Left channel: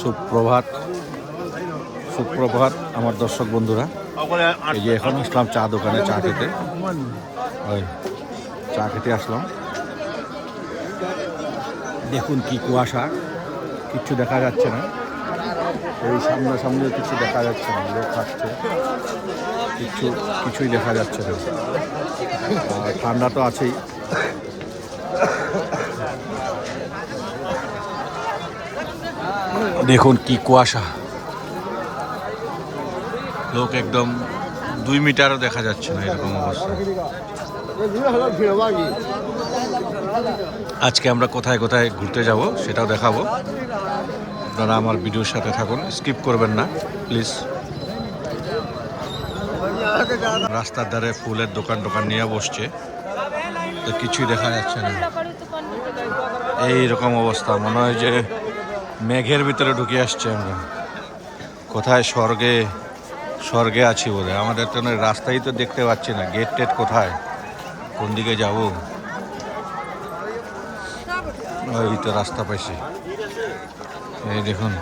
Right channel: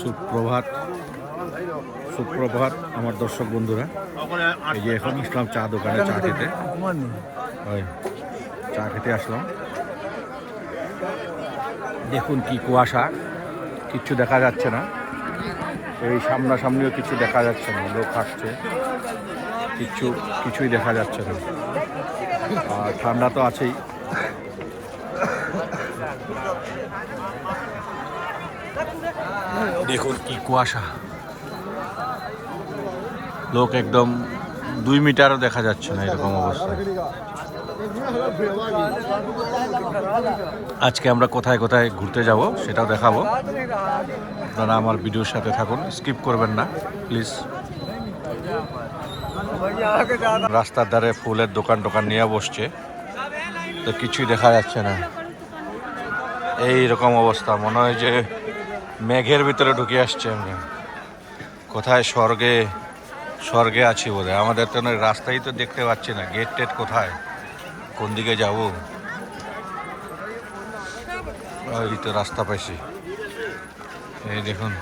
সুপ্রভাত সুপ্রভাত আমার দর্শক বন্ধুরা। এই যে এখন আসলাম চা দোকানে চা খেতে, ওই চা খেতে আসলাম। দেখুন কি কুয়াশা, কিচ্ছু দেখা যাচ্ছে না। এই সামনাসামনিও কিছু দেখা যাচ্ছে না, লোক আসছে, কিছুই দেখা যাচ্ছে না। আর ঠান্ডা তো আছেই। দেখুন কি কুয়াশা, লোক একদম 2 মিটারও দেখা যাচ্ছে না, এরকম অবস্থা। আজকে আমরা কোথায় কোথায় ঘুরতে যাব সেটাও দেখাবো। আপনারা আমার ভিডিওর সাথে থাকুন, স্কিপ করবেন না প্লিজ। রাস্তার ধারে ফুলের দোকান নিয়ে বসছে, তো কিছুই দেখা যাচ্ছে না। এই রকম অবস্থা, মনে হয় যে মেঘের ভিতরে ঢুকে আসছে আমরা। কোথায় স্বর্গে আছি বলে। আমাদের তো রাস্তাই তো দেখতে পাচ্ছি না, গেট টেট কোথায়, কোন দিকে যাব। ওই তো রাস্তা পাইছি, এই দেখুন।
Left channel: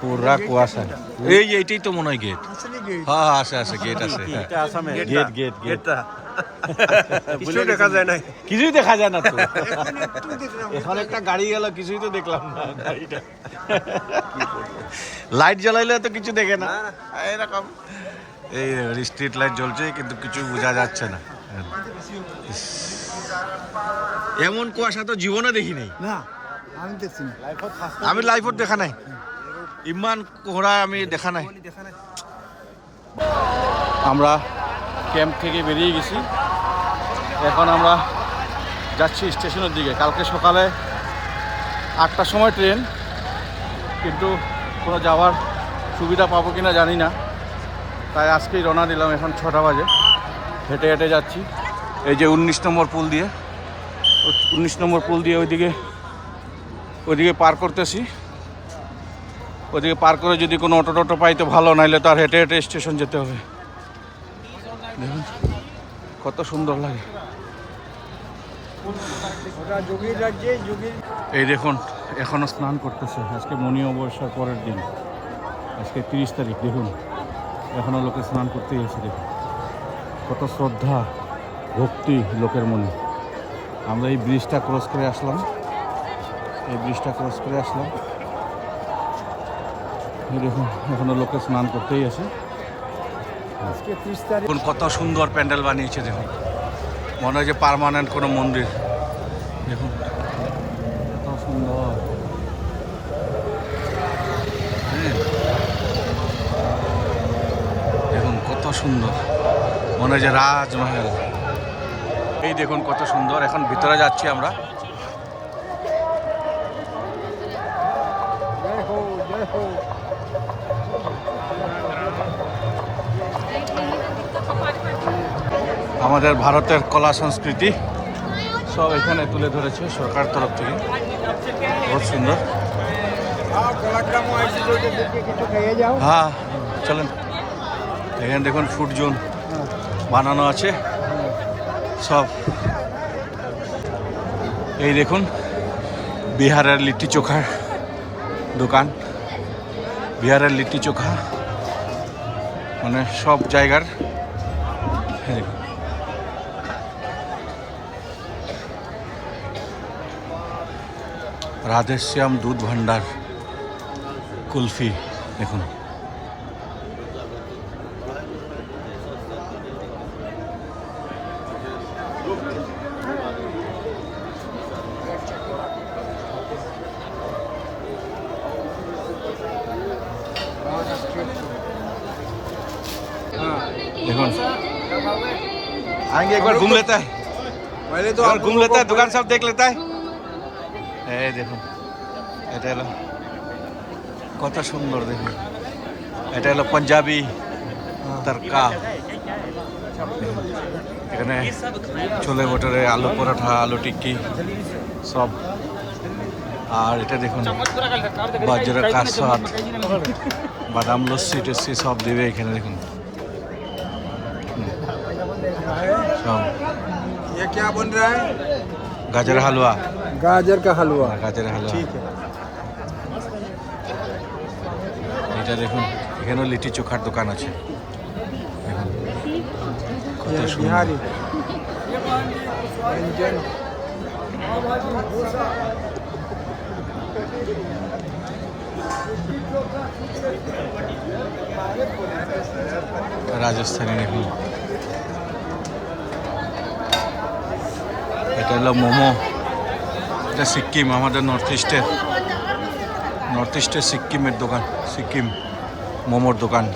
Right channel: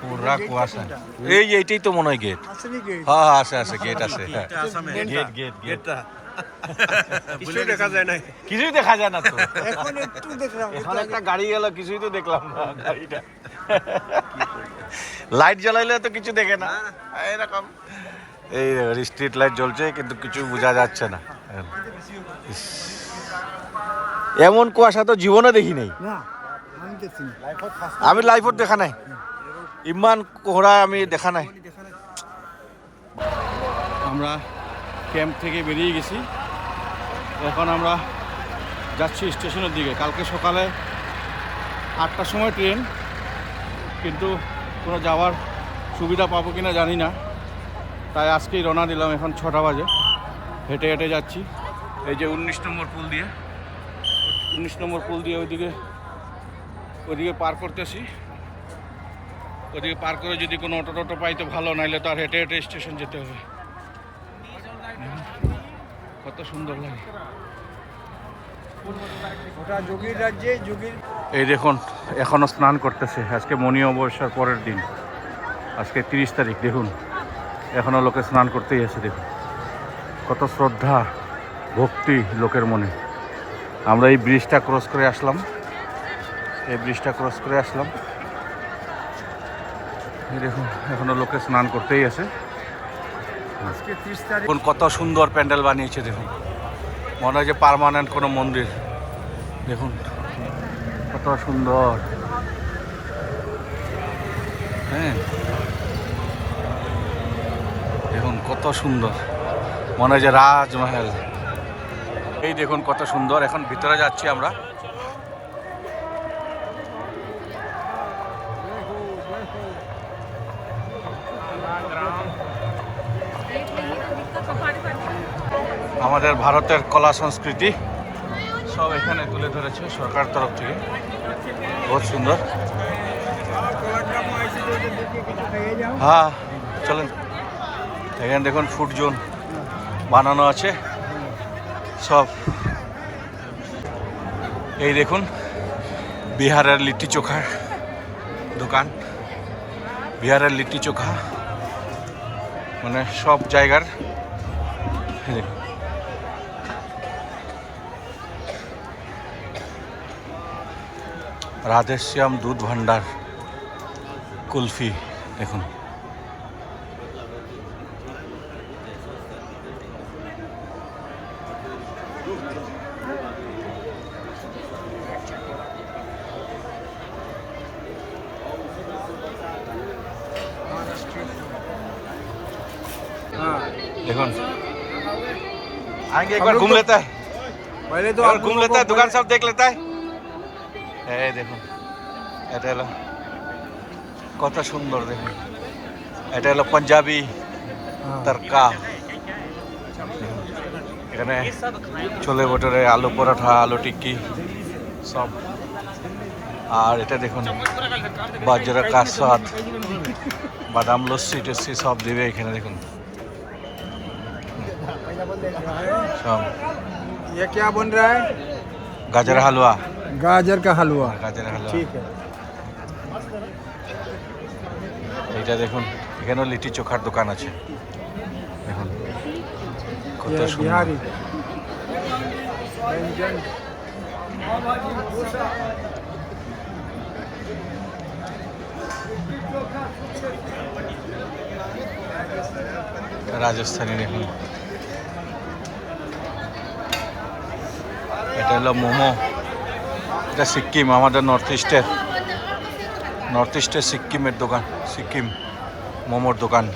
পুরা কুয়াশা। এইটাই তো মনে হয় গেট। হ্যাঁ আছে গেট আছে, গেট। কিছুই দেখা যায় না তো। এখন একটা গাড়ি গেল, কিছুই তো দেখলাম না গাড়িটা। লাইট জ্বালাইলে তো কিছু দেখে না এরকম। এই স্ট্রিট লাইট জ্বলছে কিন্তু কিছু বোঝা যাচ্ছে না। এমন কুয়াশা তো জীবনে দেখি নাই। আমি লাইফত দেখা নাই, ইমান কোহরা আমি দেখা নাই। আমরা ক্যাম্প থেকে বেরিয়ে গেছি, এখন আমরা যাচ্ছি স্টেশনের দিকে। কালকে সকালে 8টার সময় ট্রেন, কিন্তু কোনো যাওয়ার সুবিধা পাবো কিনা জানি না, তাই আজকেই রওনা দিলাম। এখন 6টা বাজে, হেঁটে হেঁটে যাচ্ছি। এই যে 19 নম্বর পুল দিয়ে, 19 নম্বর পুল দিয়ে ওইদিকে পার করতেছি। ওইদিকে পার করে যদি কোনো অটো পাই তো ভালো, নাইলে তো আর হেঁটে হেঁটে স্টেশন যেতে হবে। দেখুন কত সুন্দর লাগে। এই দেখুন এখনো স্নান করতেছে। আজকে মনি অমাবস্যার পরের দিন, আজকে 30 তারিখ। দেখুন এখনো লোকে স্নান করতেই আছে। দেখুন কত শ্রদ্ধা ভক্তি লোকের মনে। আমরা এই ব্রিজটা ক্রস করে আসলাম, এই দেখুন এখনো লোকে স্নান করতেই আছে। দেখুন কত সুন্দর প্যান্ডেল বানিয়েছে। দেখুন মনে হয় যে পার্মানেন্ট কোনো মন্দির। দেখুন কত সুন্দর। হ্যাঁ দেখুন কত সুন্দর, মনে হয় যে রাজমহল। এই দেখুন কত সুন্দর। এখন ভিতরে যাচ্ছি আমরা। আমাদের ভারতের কলা সংস্কৃতি সব এখানে তুলে ধরেছে সরকার তরফ থেকে, বহুত সুন্দর। হ্যাঁ চলেন, এখানে দেখুন ফুড জোন বানানো আছে সব। এই দেখুন বিহারের লিট্টি চোখা দোকান, বিহারের লিট্টি চোখা মানে সব জায়গার। রাধেশ্যাম দুধ ভান্ডার কুলফি দেখুন। देखो आएंगे एक बार घूम लेता है, दुकान सब देख लेता है। देखो এটা হলো কত সুন্দর। দেখুন এটা হলো পাঞ্জাবি তরকা। এখানে ছোলে ভটোরে, আলু পরোটা, আলু টিক্কি সব। আর এটা দেখুন বাজরা কা স্বাদ, বাদাম লস্যি টস্যি সব দেবে এখানে। দেখুন সব। ये क्या बन रहा है? गाजर हलवा, गाजर का हलवा। गाजर हलवा। ठीक है। এটা দেখুন, এখানেও লিটি চোখার দোকান আছে। দেখুন কত সুন্দর। রাজস্থানি দেখুন, এটা হলো মোমো। এটা সিকিম, আমাদের নর্থ ইস্টের সিকিমের দোকান, সিকিম মোমোর দোকান।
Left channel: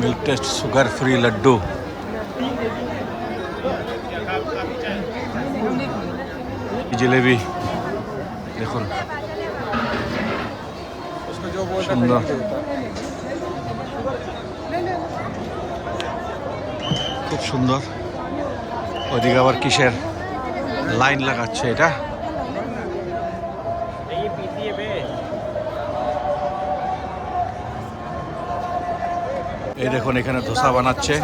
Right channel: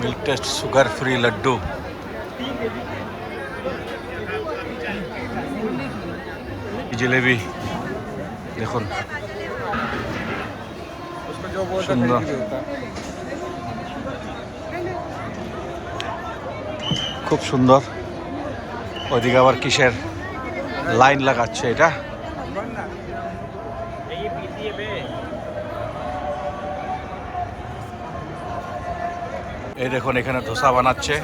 Milk taste sugar free laddoo. Jalebi দেখুন সুন্দর। খুব সুন্দর। ওদিকে আবার কিসের লাইন লাগাচ্ছে এটা? এই দেখুন এখানে ধোসা বানাচ্ছে।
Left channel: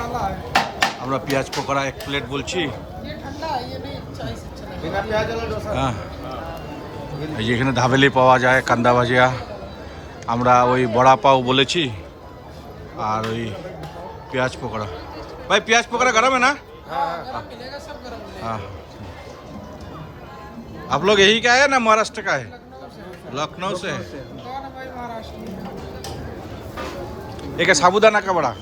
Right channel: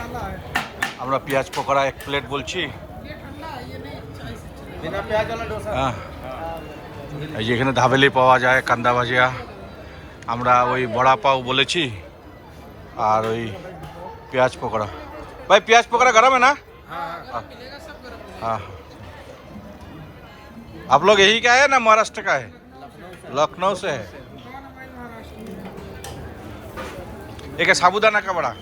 আমরা পেঁয়াজ পকোড়া 1 প্লেট বলছি। হ্যাঁ, এই যে এখানে ধাবেলি পাওয়া যায়, কান্দা ভাজিয়া। আমরা ওই বড়া পাও বলেছি, আর ওই পেঁয়াজ পকোড়া। ভাই পেঁয়াজ পকোড়া गरम है ना? हाँ। आप लोग यही का है ना महाराष्ट्र का है? लखनऊ से है। एक है साबूदाना का बड़ा।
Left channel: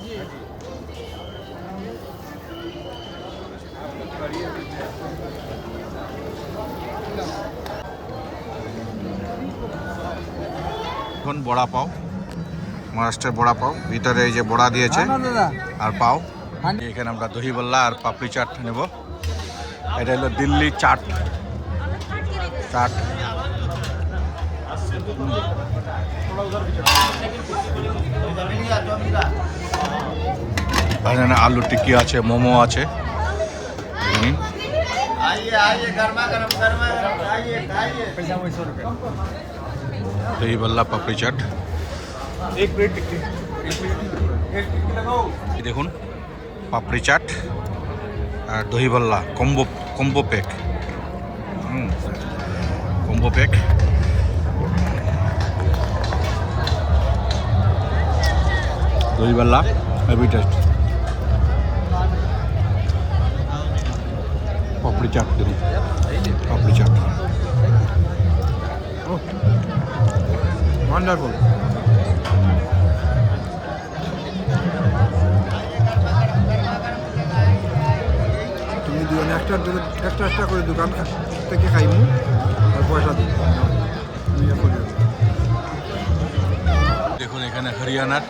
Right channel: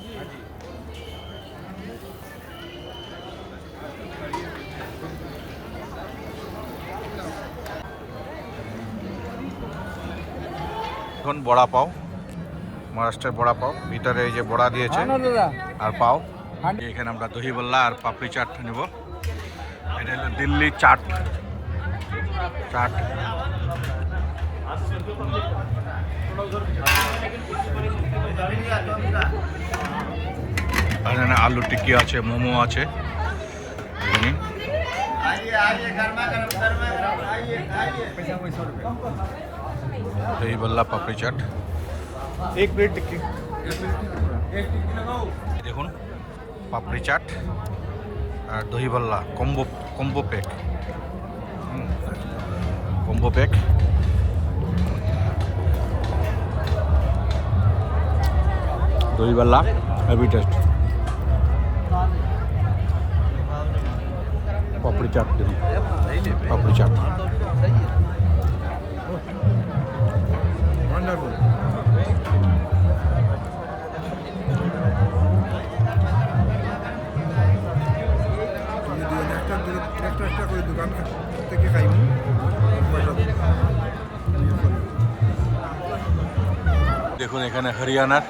এখন বড়া পাও, মহারাষ্ট্রের বড়া পাও। ভিতরে এই যে বড়া দিয়েছে আর পাও। এখানে আমরা দহি বল্লা আর পাপড়ি চাট নেব। এটা হলো দিল্লি চাট। এখানে আলু টিক্কি আছে, মোমো আছে। दही बल्ला पापड़ी चाट 1 प्लेट टिक्की। দেখুন পাপড়ি চাট আর দহি বল্লা কম্বো প্যাক। Combo pack. দহি বল্লা হেভি টেস্ট। পাপড়ি চাট দেখুন, পাপড়ি চাট वंडरफुल। তুমি দিও না, একটা করে দোকান থেকে খাইমু আর পয়সা দিই। দেখুন এখানে হরিয়ানার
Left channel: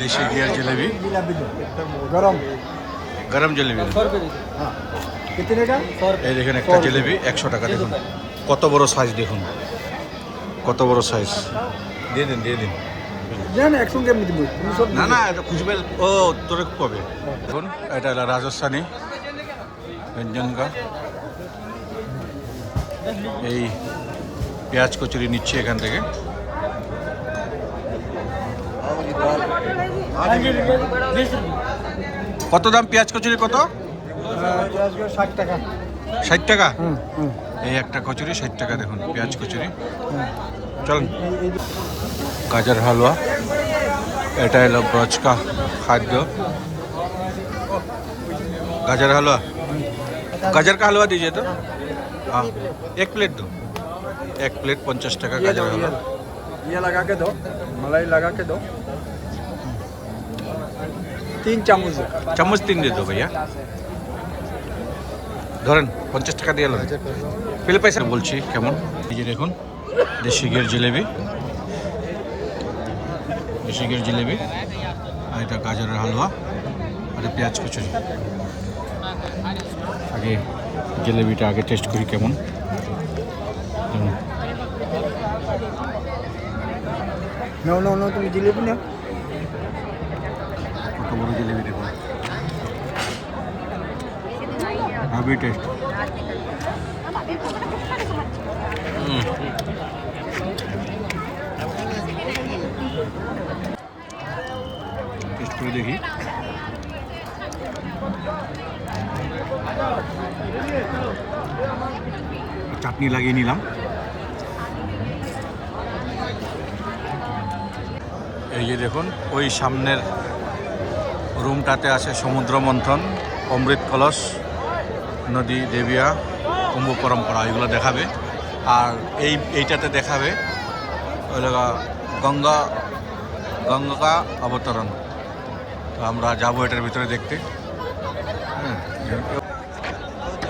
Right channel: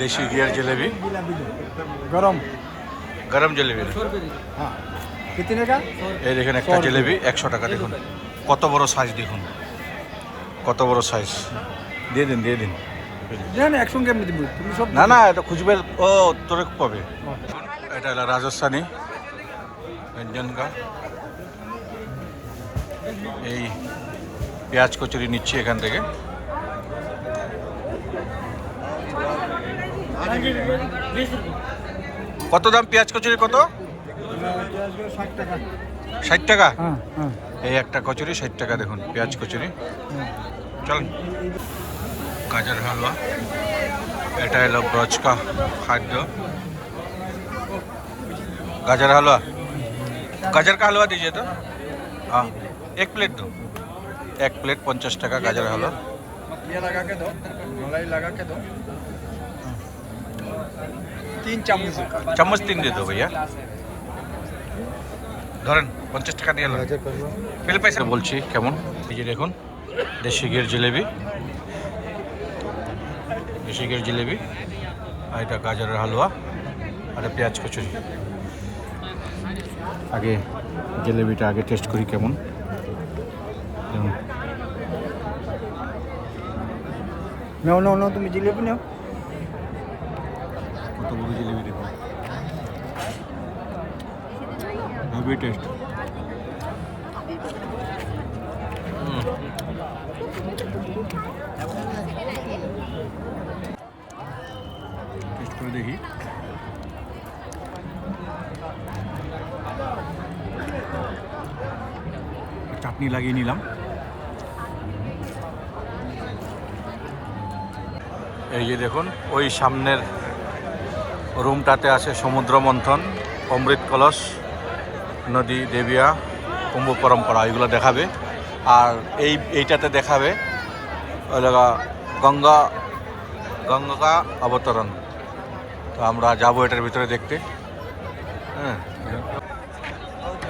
দেশি ঘিয়ের জিলেবি, গরম জিলেবি। এই দেখেন একটা জিলেবি 100 টাকা। দেখুন কত বড় সাইজ, দেখুন কত বড় সাইজ। দিয়ে দিন। না না, এটা খুঁজবে। ও তোরে কবে? দেখুন এটা হলো রাজস্থানী ব্যঞ্জন কা। এই পেঁয়াজ কচুরি নিচ্ছি এখান থেকে। কত দাম পেঁয়াজ কচুরি? কত? 60 টাকা। 60 টাকা। এই একটা কচুরি 60 টাকা। দেখুন পেঁয়াজ কচুরি। চলুন। গাজর হালুয়া, এটা হলো ব্রজ কা খাদ্য। गाजर हलवा, गाजर का हलवा दीजिए तो। हाँ 1 प्लेट दो। 1 प्लेट 50 টাকা गाजर हलवा। ये लगा के दो, मलाई लगा के दो। 3 চামচ 3 दे दो भैया। ধরেন 50 টাকা দিয়ে নেন। বিল পয়সা বলছি কেমন। এই যে দেখুন দেশি ঘিয়ের জিলেবি, দেশি ঘিয়ের জিলেবি। আর এটা গাজরের হালুয়া আর পেঁয়াজ কচুরি। আগে জিলেবিটা আগে টেস্ট করি কেমন। দেখুন নো তুমি জিলেবি নাও। কত বড় জিলেবি দেখুন, হেভি টেস্ট। করে দেখি। চাটনি লাগিয়ে নিলাম। এই যে দেখুন, ওই সামনের রুমটাতে আছে সমুদ্র মন্থন, অমৃত কলস, নদী দেবিয়া, কুম্ভ পরম্পরা, এগুলো দেখাবে। আর এইটাতে দেখাবে ওই গঙ্গা গঙ্গা অবতরণ। তো আমরা যাবো এটার ভিতরে দেখতে। হ্যাঁ,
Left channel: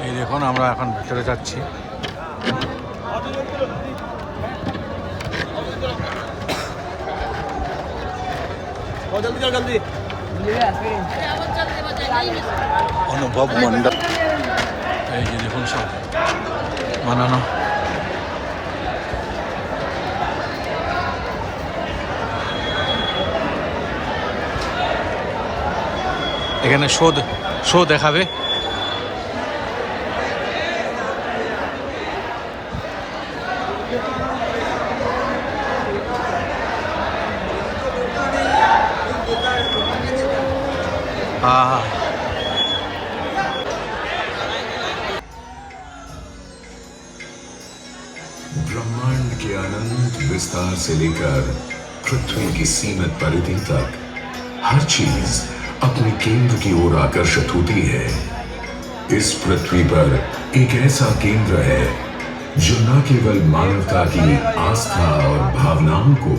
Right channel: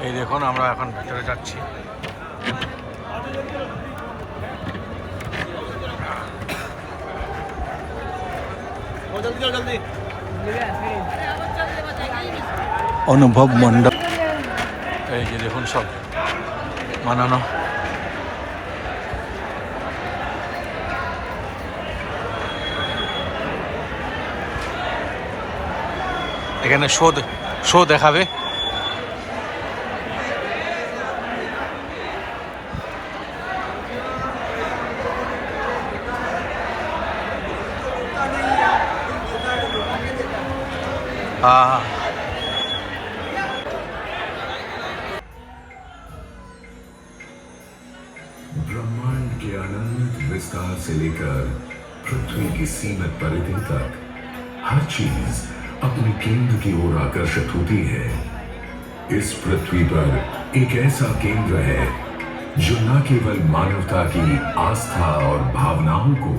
এই দেখুন আমরা এখন ভিতরে যাচ্ছি। অনুভব গঙ্গা, এই যে দেখুন সব বানানো। এখানে শো দেখাবে। ब्रह्मांड के अनंत विस्तार से लेकर पृथ्वी की सीमित परिधि तक हर चीज अपने केंद्र की ओर आकर्षित होती है। इस पृथ्वी पर एक ऐसा केंद्र है जो न केवल मानवता की आस्था और भावनाओं को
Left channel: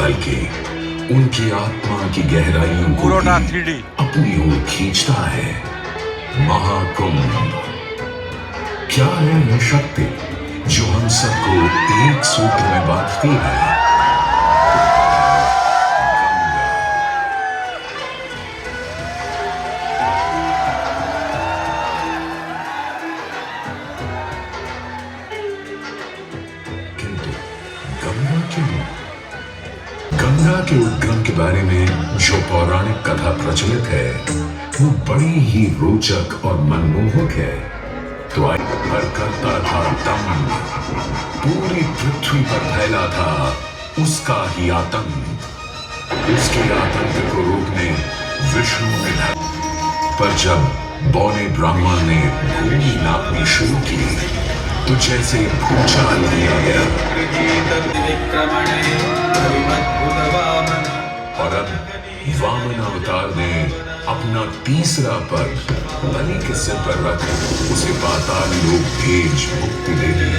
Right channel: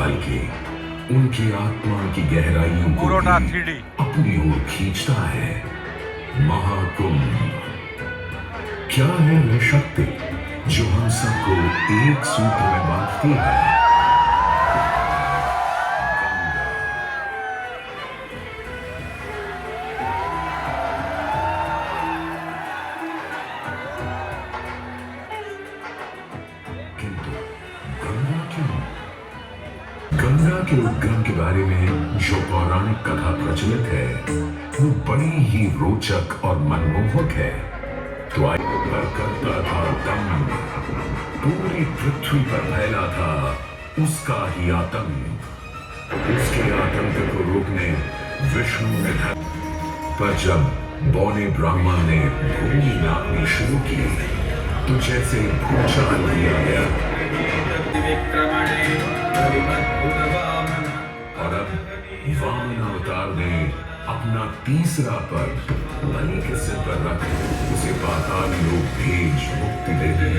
बल्कि उनकी आत्मा की गहराइयों को भी अपनी ओर खींचता है। महाकुंभ क्या है वो शक्ति जो हम सबको एक सूत्र में बांधती है? किंतु गंगा क्यों? गंगा के उद्गम के बारे में जो पौराणिक कथा प्रचलित है वो बड़ी ही रोचक और मनमोहक है। तो पर करता था दम, पूरी पृथ्वी पर फैला था उसका ही आतंक। उसके आतंक को रोकने विष्णु ने पर जब बौने ब्राह्मण ने भूमि नापनी शुरू की तो जैसे भूचाल दिया गया। और अब वामन अवतार ने अपना तीसरा पग बलि के सिर पर रख उसे पाताल लोक भेज मुक्ति दे दी।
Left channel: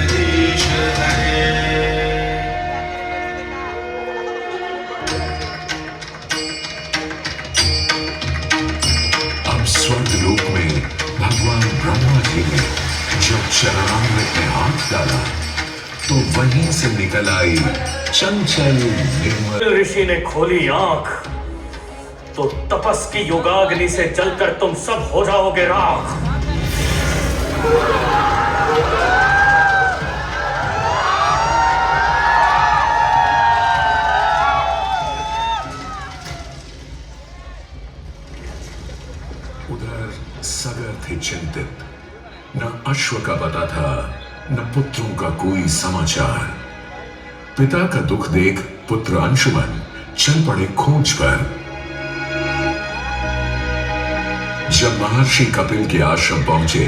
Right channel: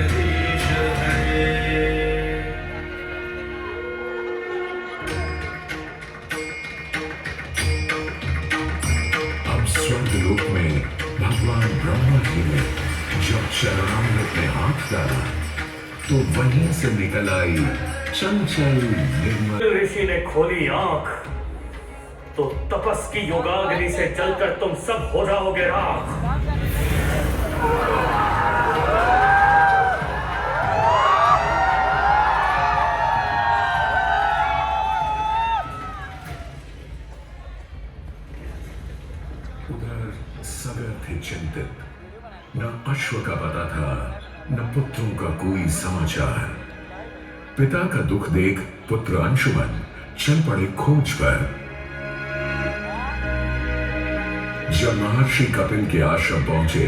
अब स्वर्ग लोक में भगवान ब्रह्मा जी ने जब चरणामृत में हाथ डाला तो वहीं से निकल आई चंचल निर्मल। ऋषि ने खोली आंख तो तपस की योगाग्नि से जलकर तुम सब हो जाओगे राख। उधर सगर थे चिंतित, न अश्व का पता था न पुत्रों का कोई समाचार। पिता का दुख देख पुत्र अंशुमन चल पड़े खोज पर। जब महर्षि कपिल के आश्रम पहुंचे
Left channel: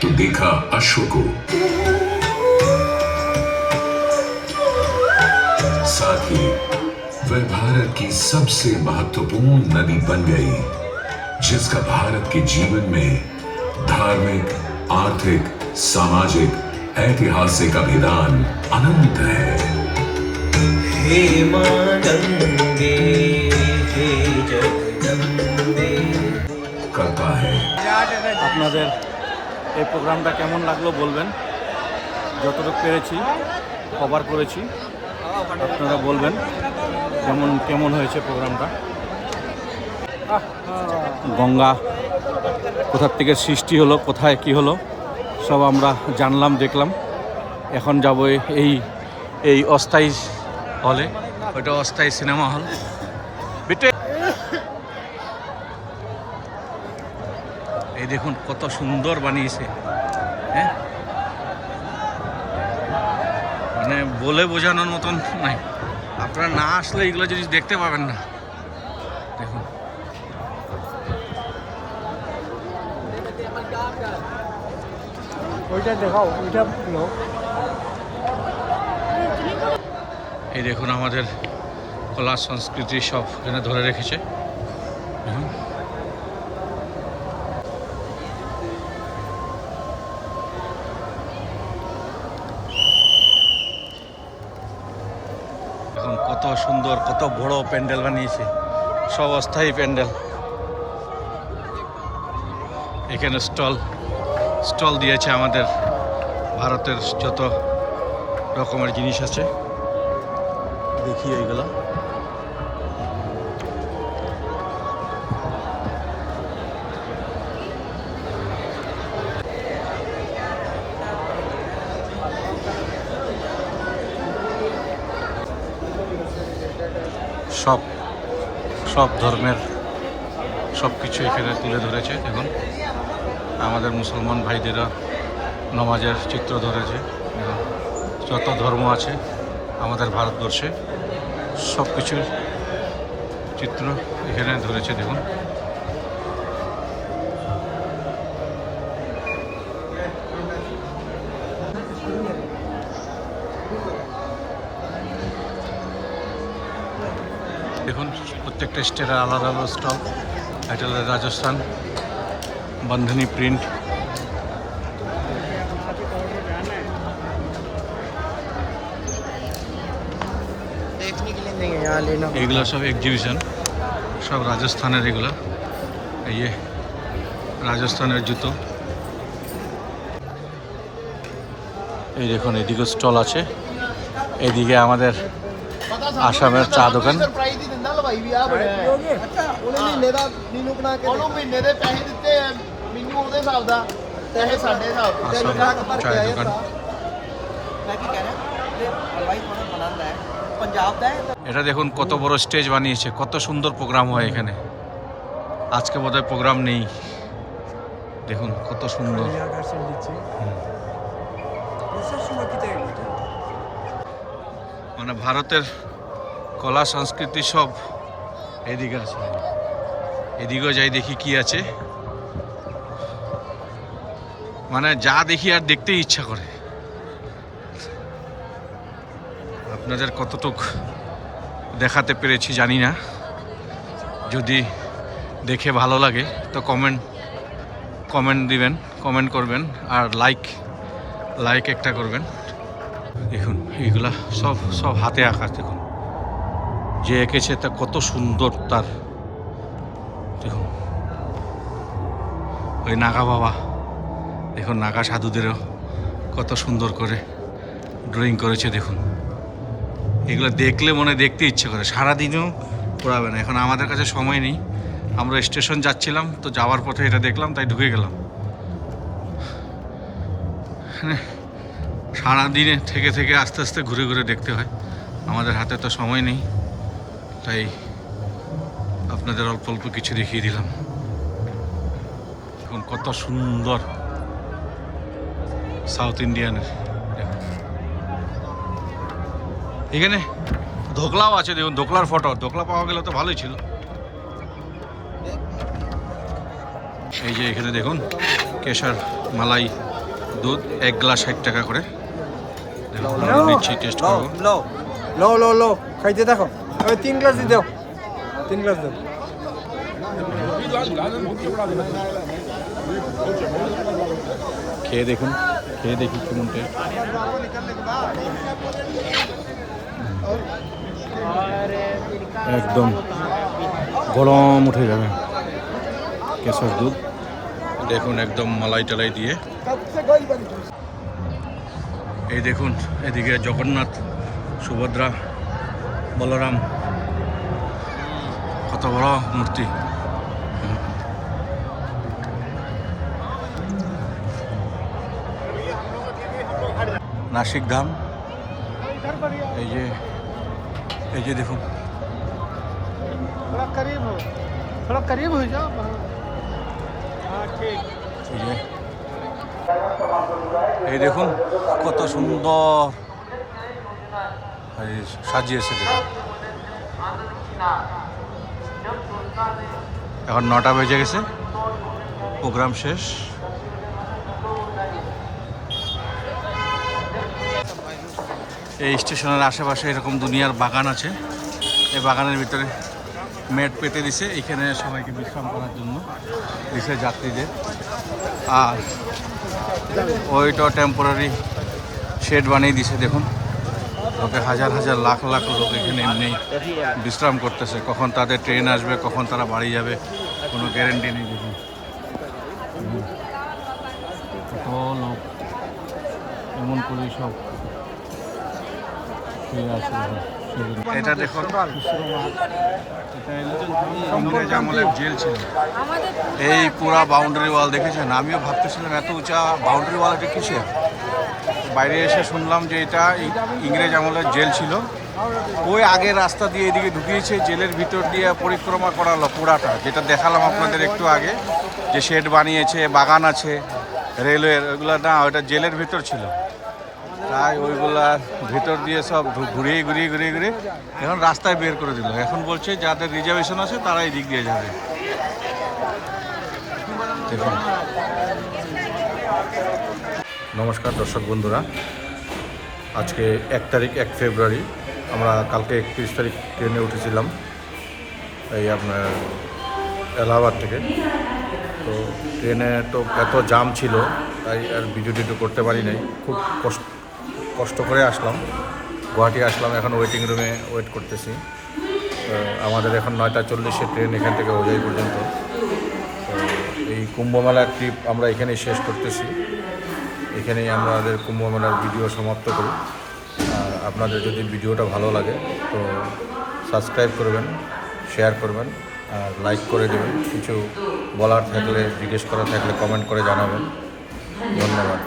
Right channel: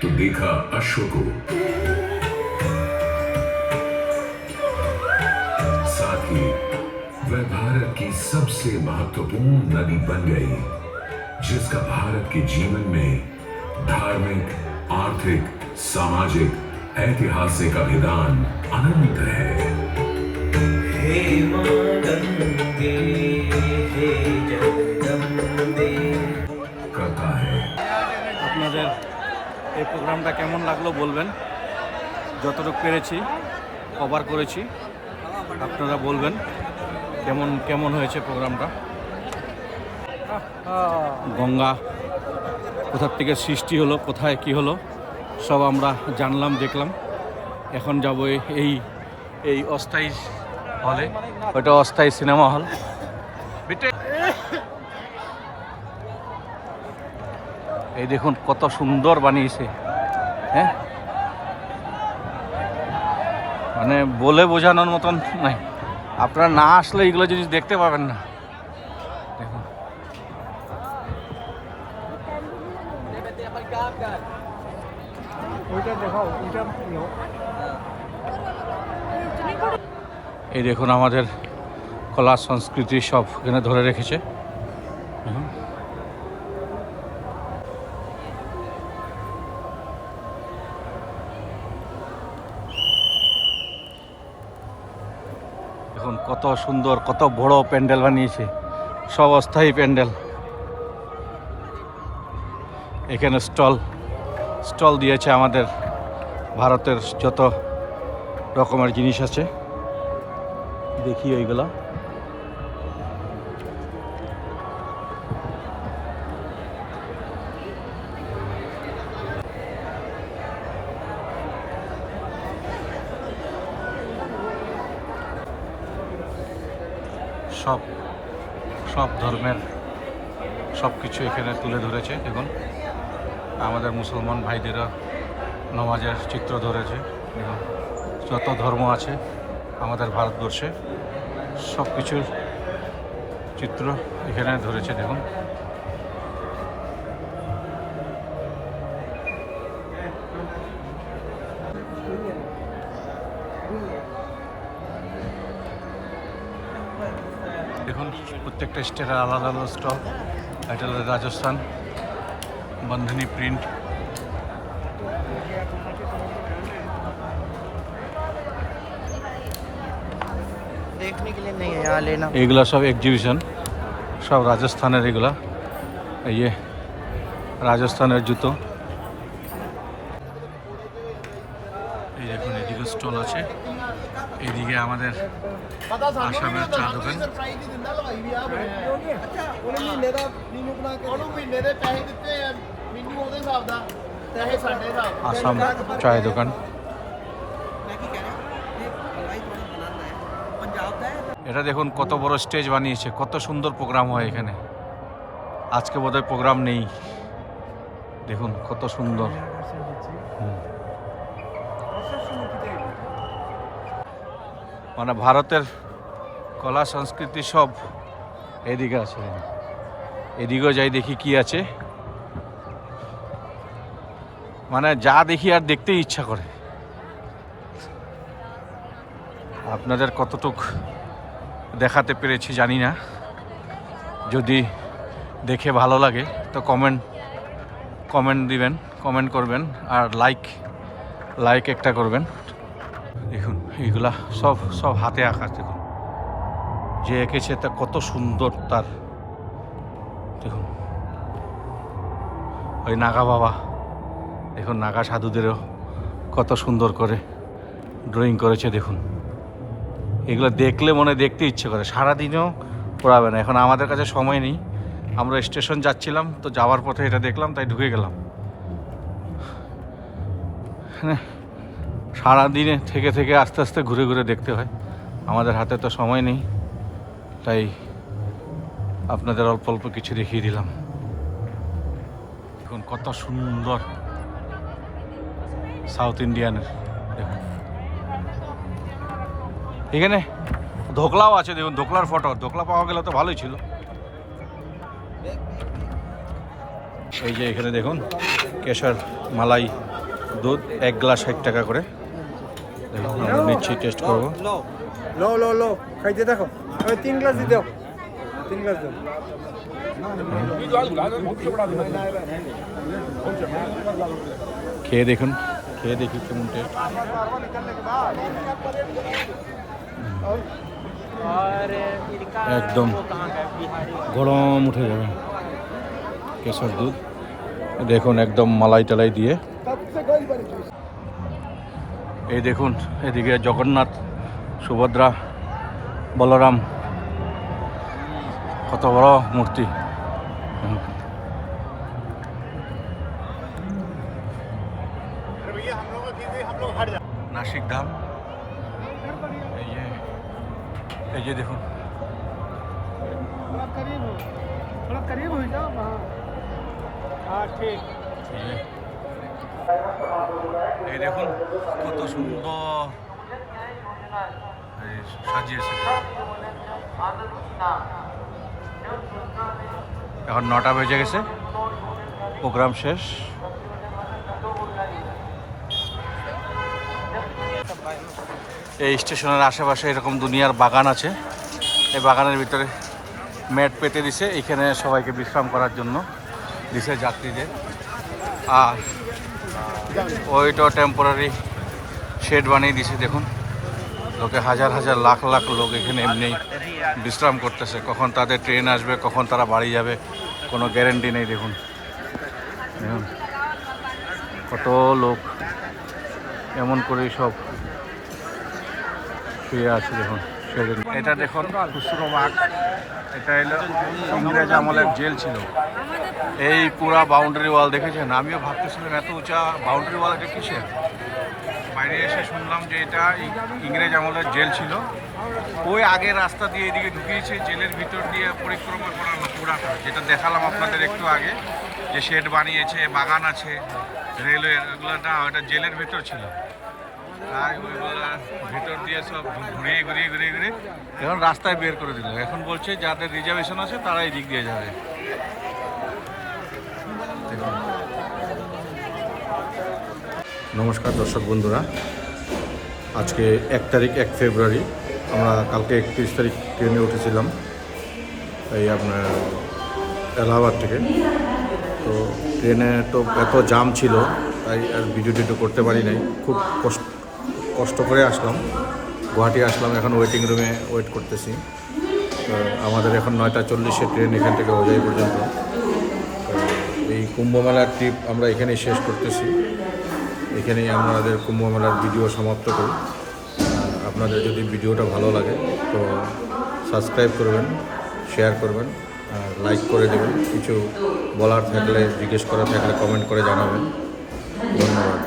तो देखा अश्व को, साथ ही वह भारत की सबसे महत्वपूर्ण नदी बन गई जिसका भारत के जीवन में धार्मिक, आर्थिक, सामाजिक, ऐतिहासिक अभिदान अनंत है। हे मां गंगे हे जगदम्बे करता है। আপনাদের এই প্রোগ্রামটা কেমন লাগলো বলবেন। যতটুকু পেরেছি কভার করেছি, আপনারা বলবেন কেমন কেমন হয়েছে প্রোগ্রামটা। গঙ্গা কোথার থেকে সৃষ্টি হলো, কোথায় কি হলো সব আমরা জানলাম, দেখলাম। এখন যাব এই এই অস্থায়ী হলে, ওইটা অস্থায়ী সিনেমা হল। এই দেখুন কত সুন্দর বানিয়েছে, হ্যাঁ, মানে বলে বোঝানোর মতন নাই। আপনারা না আসলে এগুলো জিনিস দেখতে পাবেন না। দেখুন ওইটা দেখাও ওইটা নাও। এই দেখুন আমাদের কলা সংস্কৃতি সব এখানে ধরে রেখেছে। দেখুন এখন কত সুন্দর কত বড় প্যান্ডেল বানিয়েছে, সব অস্থায়ী প্যান্ডেল। এখানে স্টল দিয়েছে আমাদের ভারতের যত রকমের জিনিস আছে, দেখি এইগুলো। সব ধর্মের সব কিছু এখানে তুলে ধরেছে। দেখুন আমাদের মুসলমান ভাইদেরও নমাজের চিত্র ধরেছে। দেখুন যত ধর্ম আছে আমাদের ভারতবর্ষে সব কিছুর চিত্র এখানে ধরেছে। দেখুন দেখুন প্রত্যেকটা স্টেটের আলাদা আলাদা স্টল। এটা হলো রাজস্থান বন্ধনী প্রিন্ট। এগুলা সব এক্সিবিশন, সব রাজস্থানের। এগুলা এই যে রাজস্থানের জুতো। এই দেখুন এদিকে স্টল আছে, এইদিকে আমাদের আসামের চা দোকান। আসাম চায়ের দোকান। এটা দেখুন কত বড় স্টেজ বানিয়েছে, কত সুন্দর প্রোগ্রাম হয় এখানে। আজকে বোধহয় প্রোগ্রাম নেই। দেখুন কত সুন্দর। মানে ভারতের কলা সংস্কৃতি সব এদিকে আছে। এদিকেও যাই দেখি কি আছে। মানে যা দেখি আর দেখতেই ইচ্ছা করে। আপনাদের কতটুক দেখাতে পেরেছি জানি না। যদি দেখে ভালো লাগে তো কমেন্ট দিবেন, কমেন্ট করবেন, আর লাইক একটা করবেন। দেখুন এইগুলা সব হাতে আঁকা। দেখুন যে এঁকেছে তা কত সুন্দর তার। দেখুন ওই নাগা বাবা, দেখুন নাগা সাধুদেরও কত সুন্দর করে ড্রয়িং করেছে। দেখুন এগুলো দেখলে মনে দেখতে ইচ্ছে করে, সারাদিনও পড়াবে না। এখন আমাদের কাছে সময় নেই, আমরা স্টেশন যাচ্ছিলাম তো যাওয়ার পথে এটা দেখলাম তাই ঢুকে গেলাম। হ্যাঁ সারাদিনে থেকে আস্তে আস্তে ঘুরে ঘুরে দেখতে হয়, আমাদের হাতে তো সময় নেই, তাই আপনাদের অল্প অল্প কিছু দেখিয়ে দিলাম। দেখুন কত সুন্দর সাউথ ইন্ডিয়ানের। দেখুন এখানে ধোকলাও আছে। দেখুন ধোকলার ফটো, ধোকলা পাওয়া গেলে তো ভালোই ছিল। এই যে এখানে দেখুন কেশর মালাই দুধ 1 গ্লাস 60 টাকা করে। দেখুন আমরা নিচ্ছি, টেস্ট করবো। লো খাইতে দেখো। ওই 3 গ্লাস দিও, 3 গ্লাস দিও। খেয়ে দেখুন, খেয়ে দেখি কেমন টেস্ট। একদম গরম উঠে যাবে কেশর দুধ। দেখুন একদম মালাই টালাই দিয়ে। এই দেখুন এদিকে জগন্নাথ, সুভদ্রা, বলরাম, কত বড় মূর্তি। নাসিক ধাম। এই যে দেখুন এই দেখুন কত সুন্দর সাজিয়েছে। দেখুন এখন 9টা বেজে গেছে, প্রোগ্রাম শেষ। এই স্টেশনের আশেপাশে এরকম দুনিয়ার বাগান আছে। এই বাগানের ভিতরে ম্যাট পেতে দিছে, এখানে সবাইকে বিশ্রাম করার জন্য দিছে যাত্রীদের। আর ওইটা টেম্পোরারি শেড বানিয়ে দিছে। দেখুন লোকে হাজার হাজার লাখ লাখ লোক এখানে এমনি বিশ্রাম করতেছে। কখন তাদের ট্রেন আসবে, কখন তারা বাড়ি যাবে, কোনো গ্যারেন্টি নেই। দেখুন কত লোক এমন করেই সব শুয়ে আছে। দেখুন এটা দেখুন খুচরো মাঠ, এটা এলো ইংরেজ আমলের জেল ছিল। এই পুরা বাউন্ডারি ওয়াল দেখেছেন? আমিও ভাবতেছিলাম এত উঁচা বাউন্ডারি ওয়াল এটা কিসের। বাইরে এসে শুনলাম যে এটা ইংরেজ আমলের জেল ছিল। ওই আগের রাস্তা দিয়ে এদিকে ঢুকিয়েছে, জেলের ভিতর দিয়ে পরিক্রমা করালো পুরাটা, যেটা দেখালাম আপনাদের একটু আগে, যে শেড বানিয়েছে, বাগান আছে রেলওয়ের, ওইগুলো না, ওইটা জেলের ভিতর ছিল। তাই ওইগুলার ভিতর দিয়ে সব ঘুরিয়ে ঘুরিয়ে ঘুরিয়ে ঘুরিয়ে এখন রাস্তায় বের করে দিল। এখন বলছে যাদের রিজার্ভেশন আছে তারা এই দিক দিয়ে যাবে। দেখুন। নমস্কার দর্শক বন্ধুরা, আজকে 1 ফেব্রুয়ারি। আমরা কালকে 31 তারিখ ট্রেনে উঠেছিলাম এই আপনার এলাহাবাদ থেকে। তো ট্রেনে তো এত জাম ছিল, তাই আর ভিডিও টিডিও করতে পারি নাই। খুব কষ্ট করে আসলাম, গুয়াহাটি আসলাম। এখন ওয়েটিং রুমে ওয়েট করতেছি। তো আমাদের এখন 9টা 40-এ ট্রেন এখান থেকে হোজাই পর্যন্ত। তো এই কুম্ভ মেলার ট্রিপ আমরা এখানেই শেষ করতেছি। এখানেই আমাদের কুম্ভ মেলার ভিডিও সমাপ্ত করি। আর আপনাদের যদি ভিডিওটা ভালো লাগে তো সাবস্ক্রাইব করবেন, শেয়ার করবেন আর লাইক করে দেবেন। কিছু বলার থাকলে, জিজ্ঞেস করার থাকলে কমেন্ট করে জানাবেন। ধন্যবাদ।